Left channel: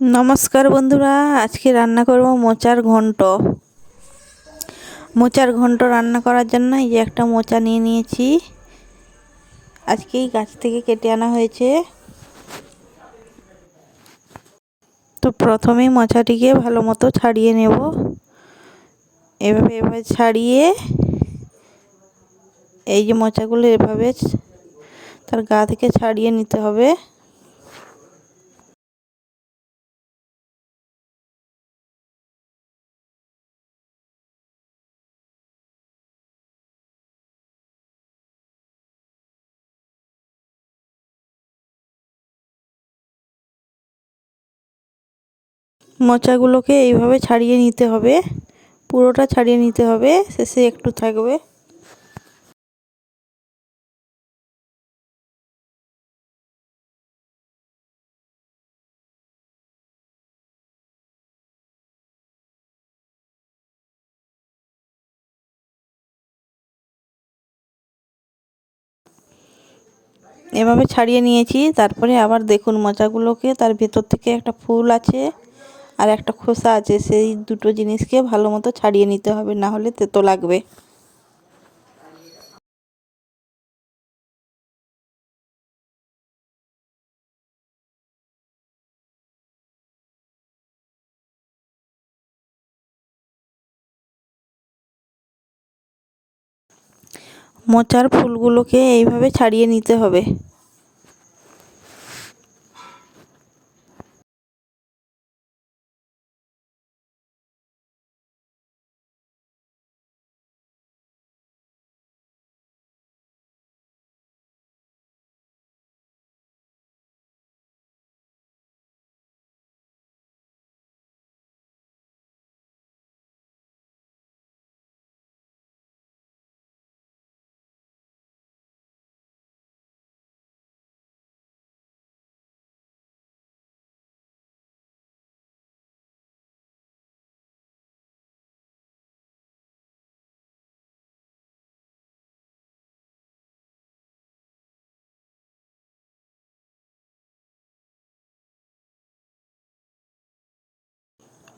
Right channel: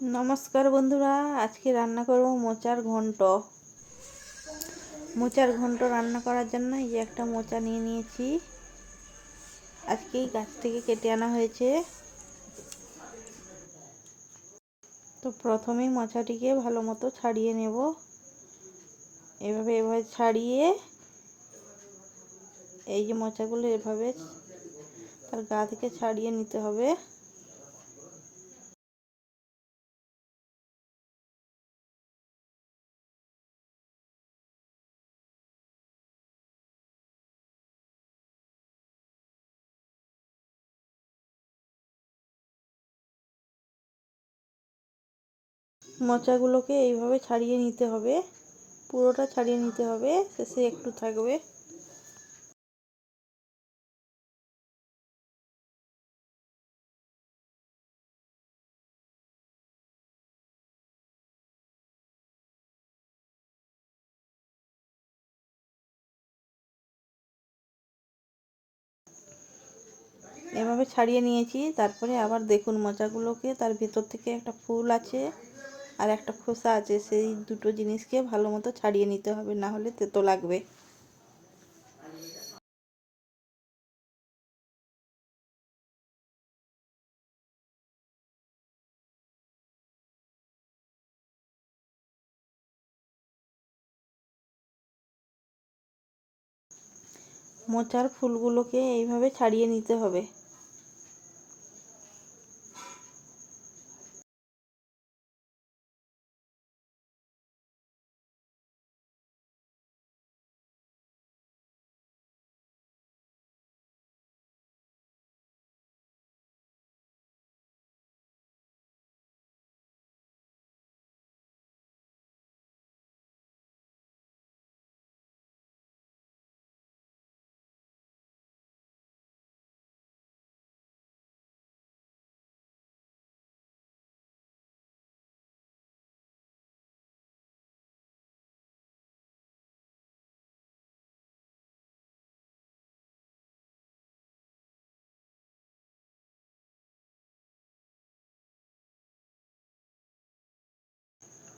নমস্কার বন্ধুরা, আজকে রান্না করব মোচার ঘন্ট। মোচার ঘন্ট রান্না করার জন্য এই যে একটা মোচা নিয়ে নিয়েছি। আজকেই গাছ থেকে কেটে আনা হয়েছে। তো প্রথমেই মোচাটিকে ভালো মতো ছাড়িয়ে নেব। এভাবে এভাবে ছাড়িয়ে এই যে মোচাগুলো এভাবে তার গা থেকে ছাড়িয়ে নিতে হবে। মোচাগুলোকে এইভাবে ছাড়িয়ে নিতে হবে। পুরোটা ছাড়িয়ে নিতে হবে। শেষে একটু থাকবে। এভাবে ছাড়িয়ে নিয়েছি। তারপরে আবার দেখুন মোচাগুলোকে, তার ভেতর থেকে একটা ফুল আছে। আর একটা খোসা আছে, সেই দুটো জিনিসকে ভালো মতো ছাড়িয়ে নিতে হবে, না হলে তেতো লাগবে। মোচার ফুলগুলোকে এইভাবে ছাড়িয়ে নিতে হবে।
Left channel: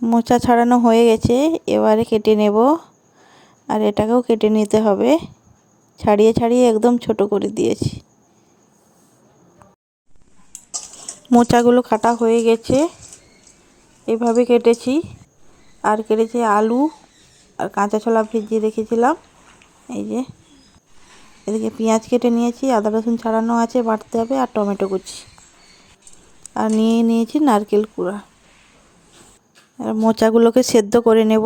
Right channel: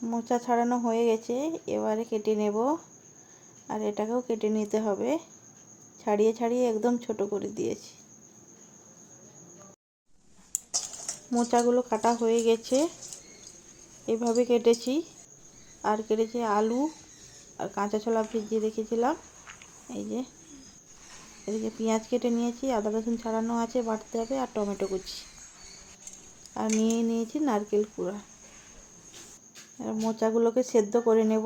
মোচা ছাড়ানো হয়ে গেছে, এবারে কেটে নেব। আর এটাকেও কেটে নিতে হবে। ছাড়িয়ে ছাড়িয়ে একদম ছোট করে দিয়েছি। মোচাগুলো কাটা হয়ে গেছে। এভাবে কেটেছি। আর কেটেছি আলু আর কাঁচা ছোলা ভিজিয়ে রেখেছিলাম। এই যে, এদিকে পেঁয়াজ কেটে নিয়েছি, আদা রসুন ছাড়ানো আছে, বাটতে হবে, আর টমেটো কুচি। আর নিয়ে নিয়েছি নারকেল কুড়া। মোচাগুলোকে সেদ্ধ করে নেব।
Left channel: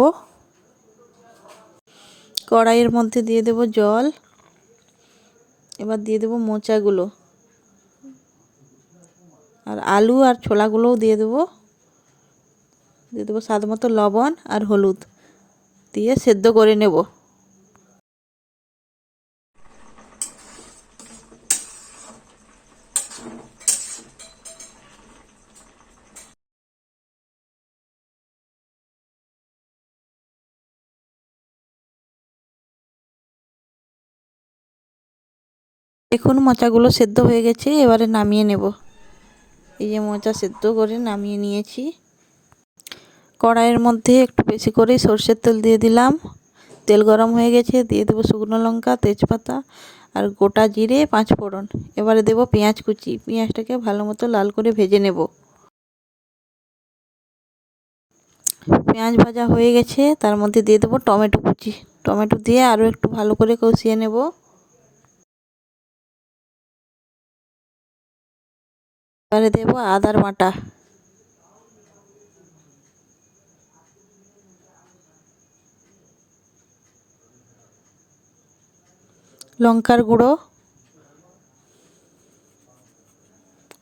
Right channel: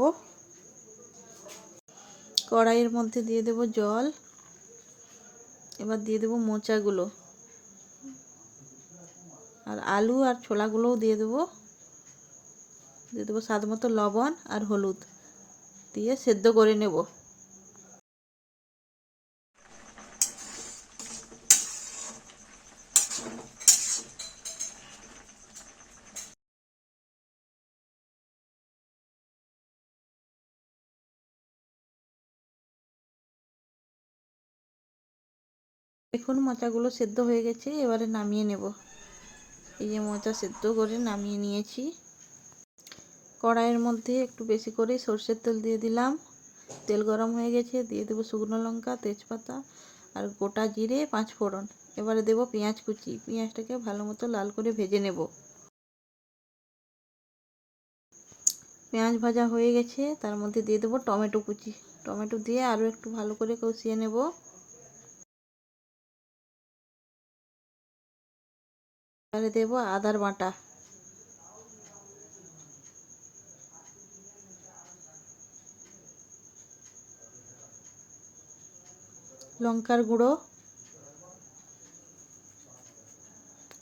কড়াইয়ের মধ্যে দিয়ে দেব জল। এবার দিয়ে দেব মোচাগুলো। আর আলু আর ছোলাগুলোও দিয়ে দেব। দিয়ে দেবো স্বাদ মতো লবণ আর হলুদ দিয়ে সেদ্ধ করে নেব। দেখুন মোচাগুলো সেদ্ধ হয়ে গেছে, এবারে নামিয়ে নেব। এই যে মোচা সেদ্ধ করে নামিয়ে নিয়েছি। কড়াইয়ের মধ্যে একটু বেশি করে সর্ষের তেল দিয়ে দিলাম। তেল গরম হয়ে গেছে, দিয়ে দেবো শুকনো লঙ্কা, তেজপাতা আর গোটা জিরে, পাঁচ ফোড়ন। এবারে দেবো পেঁয়াজ কুচি। পেঁয়াজটাকে ভালো মতো লাল করে ভেজে নেব। পেঁয়াজ ভাজা হয়ে গেছে, তার মধ্যে দিয়ে দেবো টমেটো কুচি। টমেটো দিয়ে আরও একটু ভালো করে কষিয়ে নেব। এবারে দেবো আদার বাটা। লঙ্কার গুঁড়ো,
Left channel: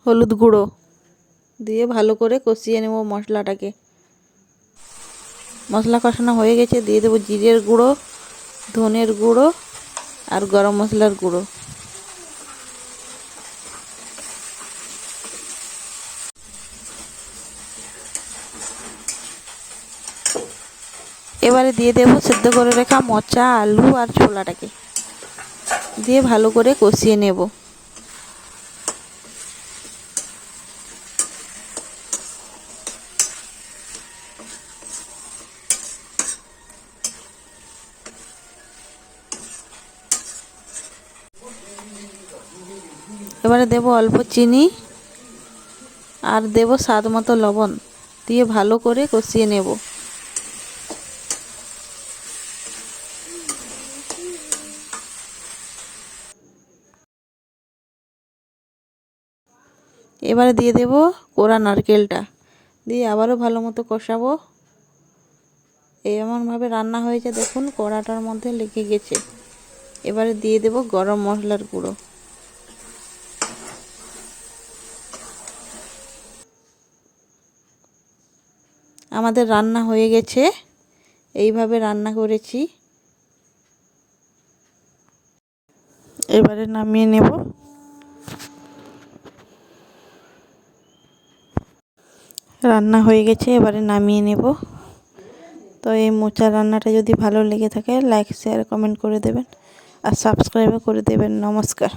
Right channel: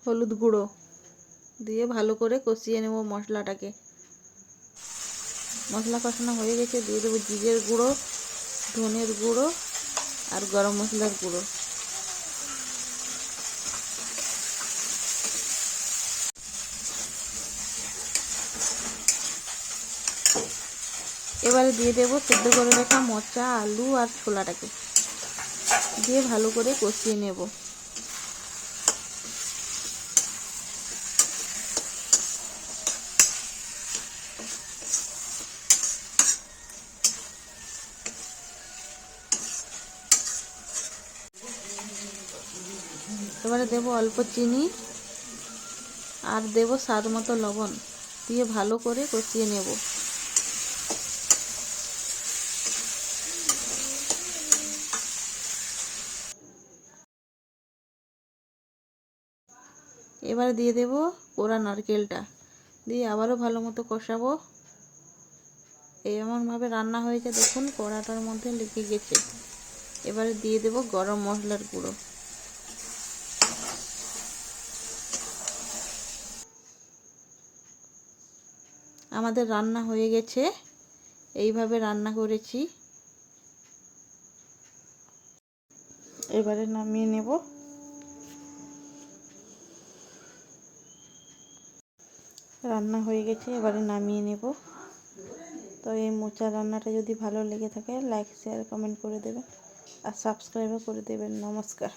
হলুদ গুঁড়ো দিয়ে ভালো করে কষিয়ে নেব মশলাটাকে। মশলা কষানো হয়ে গেছে, দিয়ে দেবো জিরের গুঁড়ো, ধনের গুঁড়ো আর গরম মশলার গুঁড়ো। এবারে দিয়ে দেবো সেদ্ধ করে রেখা মচা, আলু আর ছোলাটাকে। দিয়ে ভালো করে কষিয়ে নেব। এবারে দেব অল্প চিনি আর দেব স্বাদ মতো লবণ। দিয়ে ভালো করে কষিয়ে নেব। এবারে দিয়ে দেব কোরা নারকেলটা। দিয়ে আবারও ভালো মতো কষাবো। এমনভাবে রান্না হয়েছে, দেখুন কড়াটার মধ্যে লেগে গেছে। এবারে দিয়ে দেব গরম মশলার গুঁড়ো। আমাদের রান্না হয়ে গেছে। এইভাবে রান্না করেছি। এবারে নামিয়ে নেব। রান্না হয়ে গেছে, এবারে নামিয়ে নেব। তো এই মোচা রান্নাটা যদি ভালো লেগে থাকে লাইক শেয়ার কমেন্ট করে দেবেন। আর সাবস্ক্রাইবও করে দেবেন। নমস্কার।